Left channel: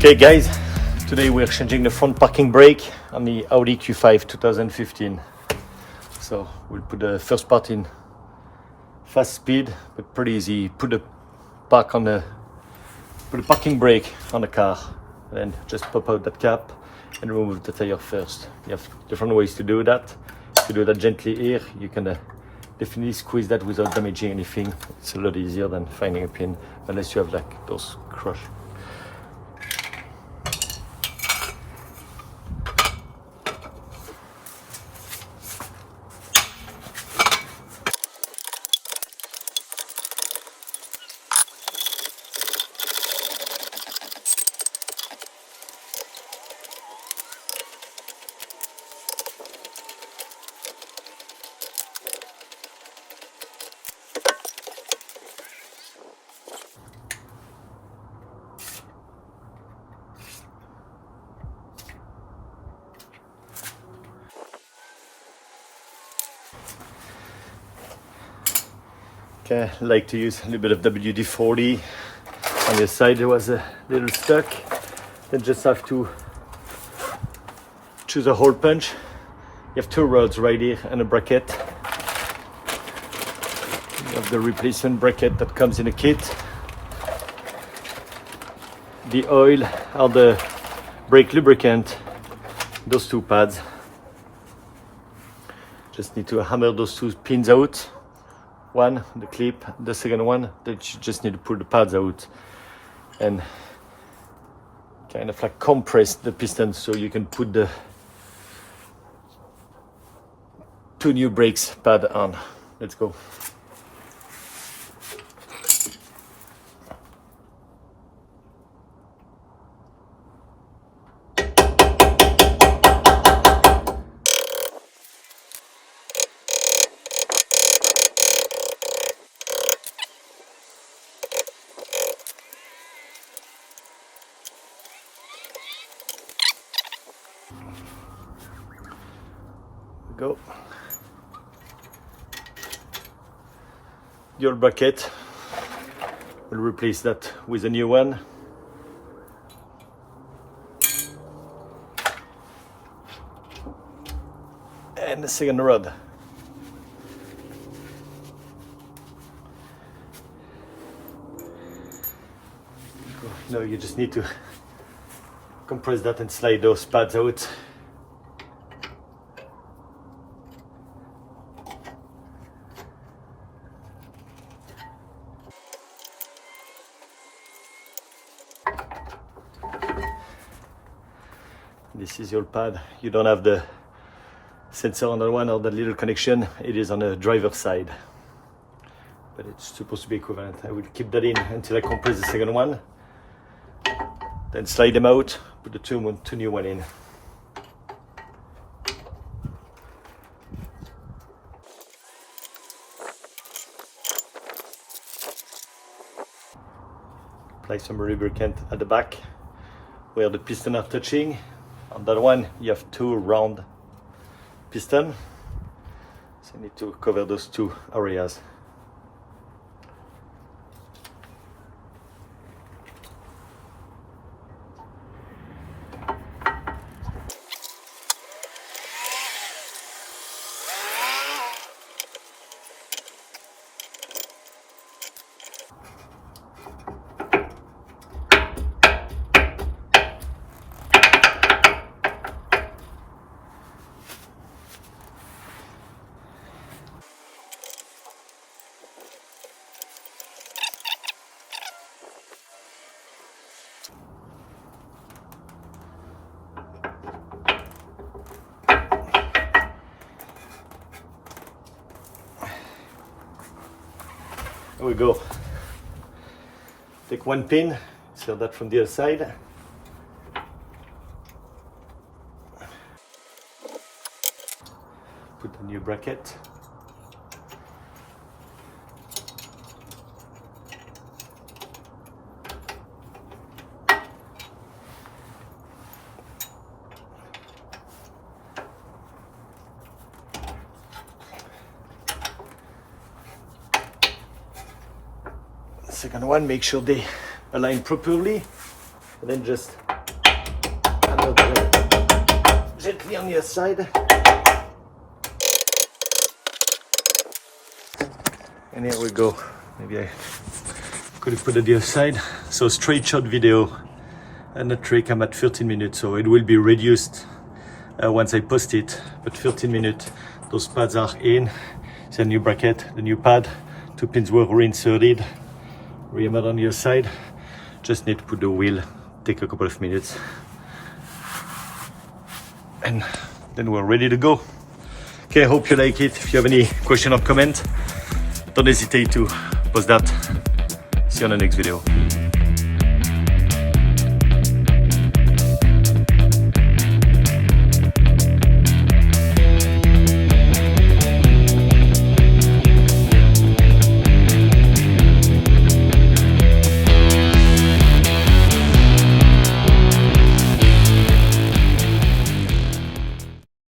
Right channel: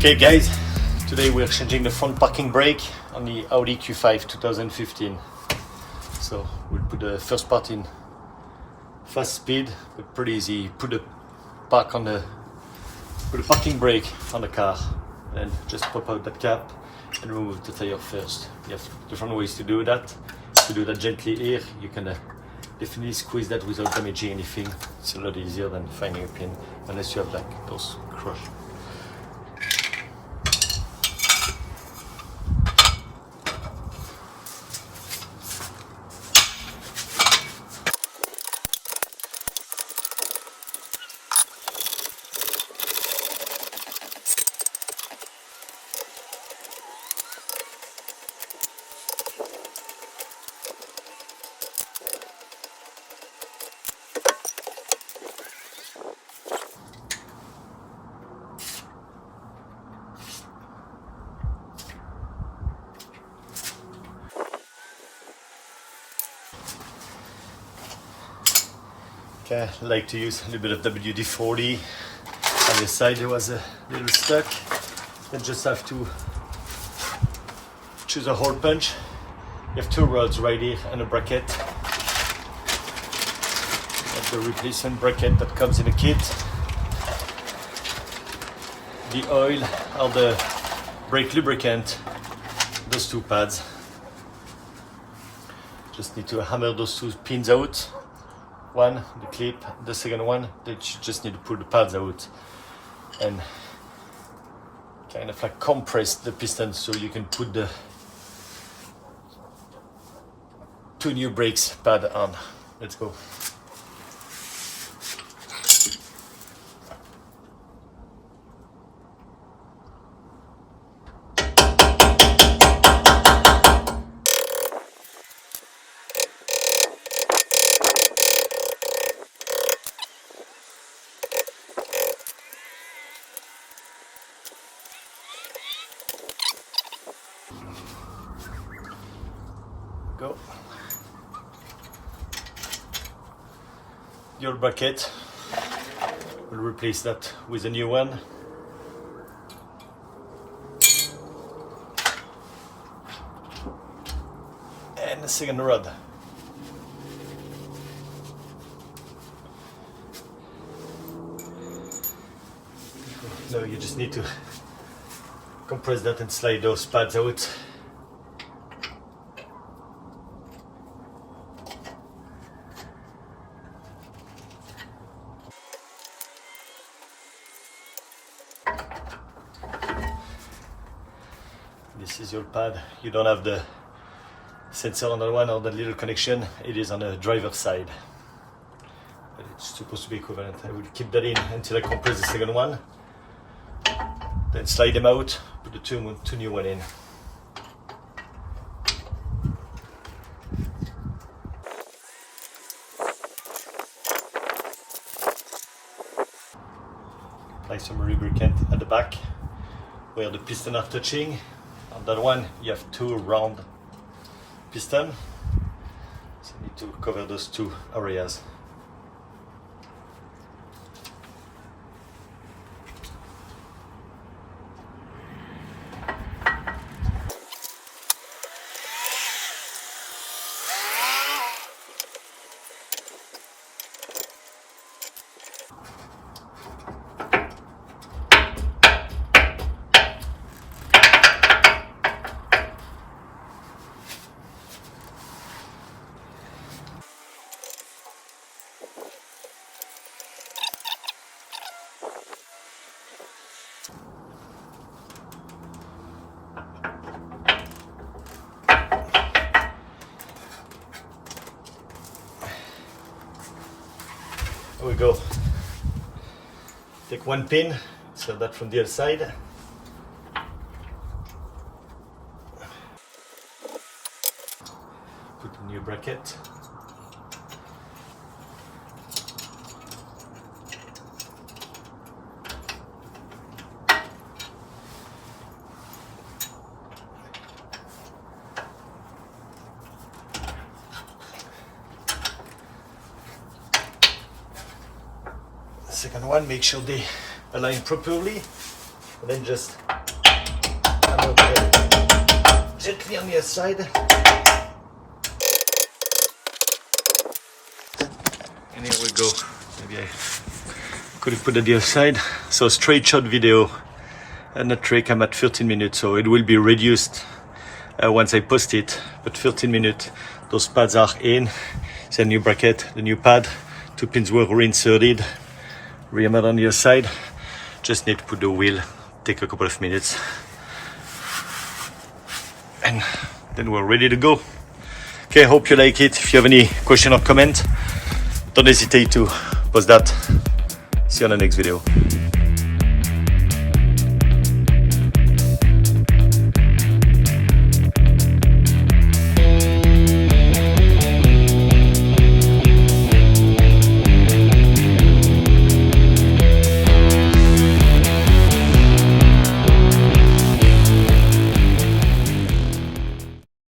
Okay guys, today we're changing the front parking brake on the Audi Q5 2015. So we'll put the first part in fast speed, but pretty easy. Put the parking brake on the car, and then just pop out that cap and remove the tire first. You have different ways to do that. If you do that gently here, you can definitely squeeze that without damaging anything. It's a lot easier than finding a pin, unless you have like those crush. Okay, I like to use a little bit of WD-40. On the side there was a little stuck. Then just have to choose a hole punch. You have two rods right here and a bracket. You have the replacement bracket that comes in a kit. The oil or the brake lubricant, those two pads. Just need to hammer those two pins out. One, the clip, the second one, that you just need to pull the pads out and kind of like compress the piston so you can put the two new brakes pad on. Let's go. Go. The old bracket, we'll replace that with a new one. And the second rod. Now you just need to compress that and slide those pads out. This is your pad. You don't have the sensor on that one or the little connection. It is on the driver's side, but it's supposed to be equivalent. I will keep that in until I compress the second one. Then slide them out, put the two new one in. Apply some lubricant at the back where the piston are touching. On that one, you have two round pistons, so I need to cover those two areas. Here we go. Take one pin, insert that from the other side. Put a new bracket. Second one, make sure they align properly, and then just gently on the other side. And here we go. Maybe I could have put it the other side. So straight shot video and a trick. I'm at 13 minutes, so it will be reduced once I post it. But 13 minutes, those pads are in. It's a new bracket, the new pad. 2 pins were reinserted. Rehammered on the other side. Just need to put the wheel. Take a couple of minutes. And then we're ready to go. Okay, hope you like it. If you have any question or comment, don't hesitate to post that. See you on the next video.